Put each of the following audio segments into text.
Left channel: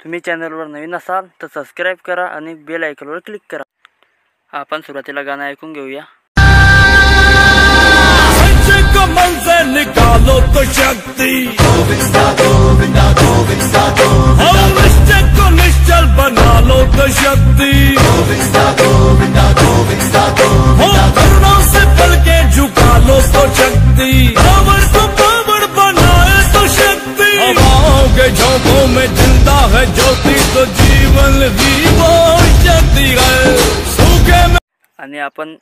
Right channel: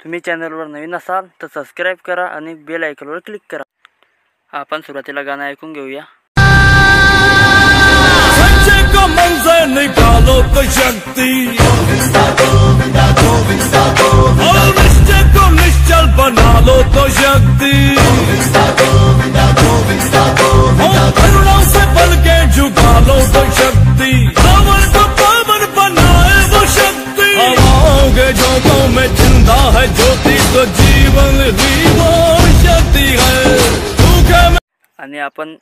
तुम्ही चॅनलवर नवीन असाल तर सबस्क्राइब करा आणि बेल आयकॉनवर क्लिक करा। आपण सुरुवातीला गाणं ऐकून घेऊया। आणि आपण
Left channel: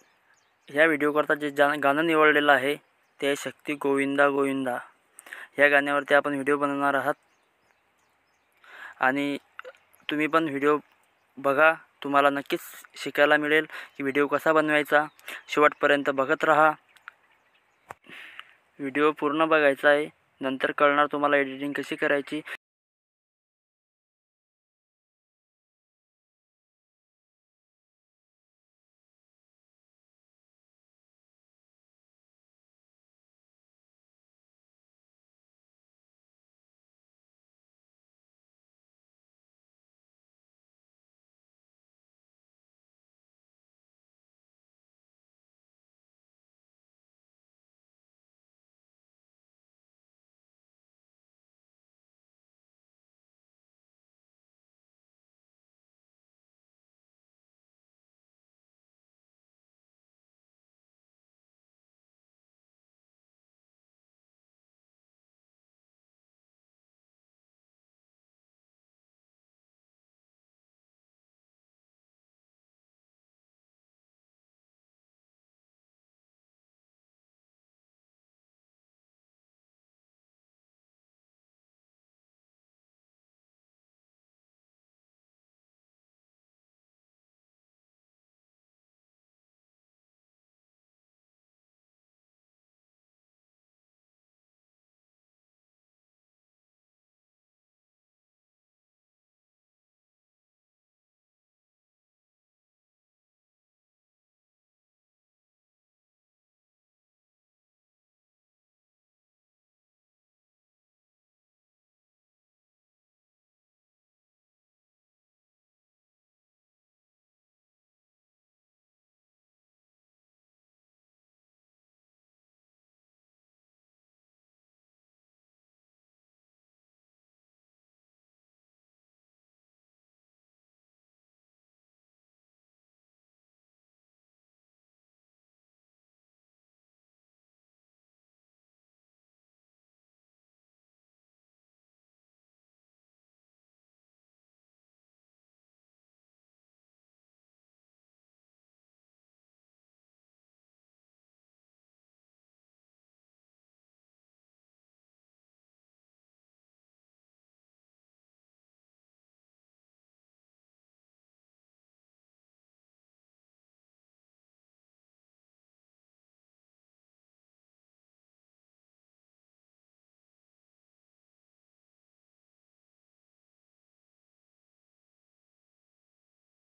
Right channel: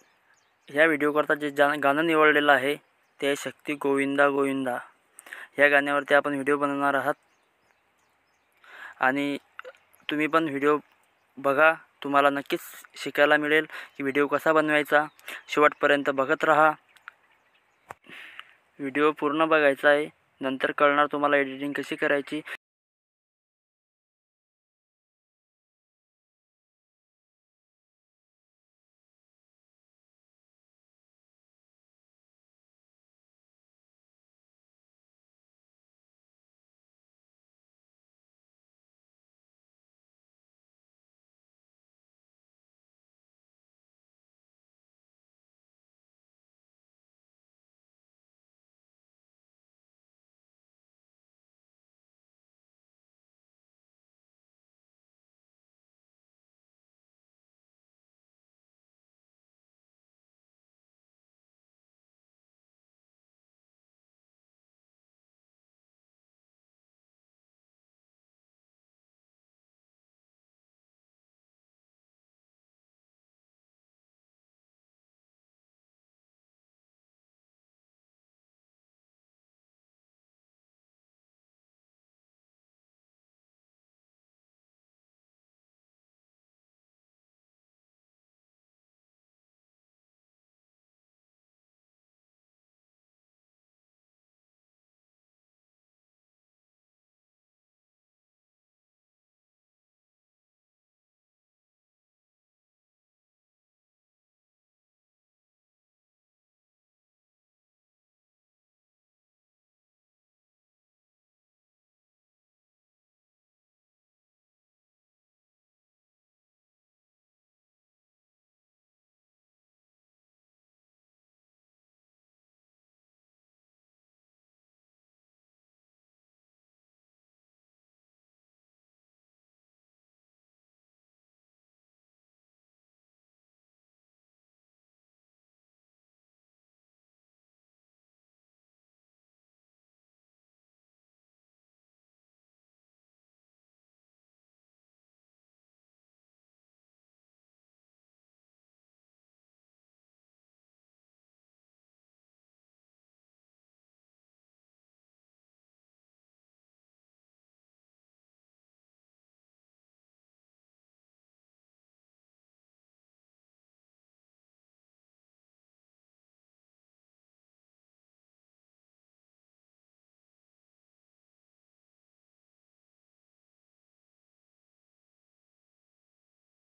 ह्या व्हिडिओ करता जे गाणं निवडलेलं आहे ते शक्ती गोविंदा गोविंदा ह्या गाण्यावरती आपण व्हिडिओ बनवणार आहात। आणि तुम्ही पण व्हिडिओ बघा, तुम्हाला नक्कीच शिकायला मिळेल की व्हिडिओ कसा बनवायचा। शेवटपर्यंत बघत राहा, व्हिडिओ पूर्ण बघायचा आहे, नंतर कळणार तुम्हाला एडिटिंग कशी करायची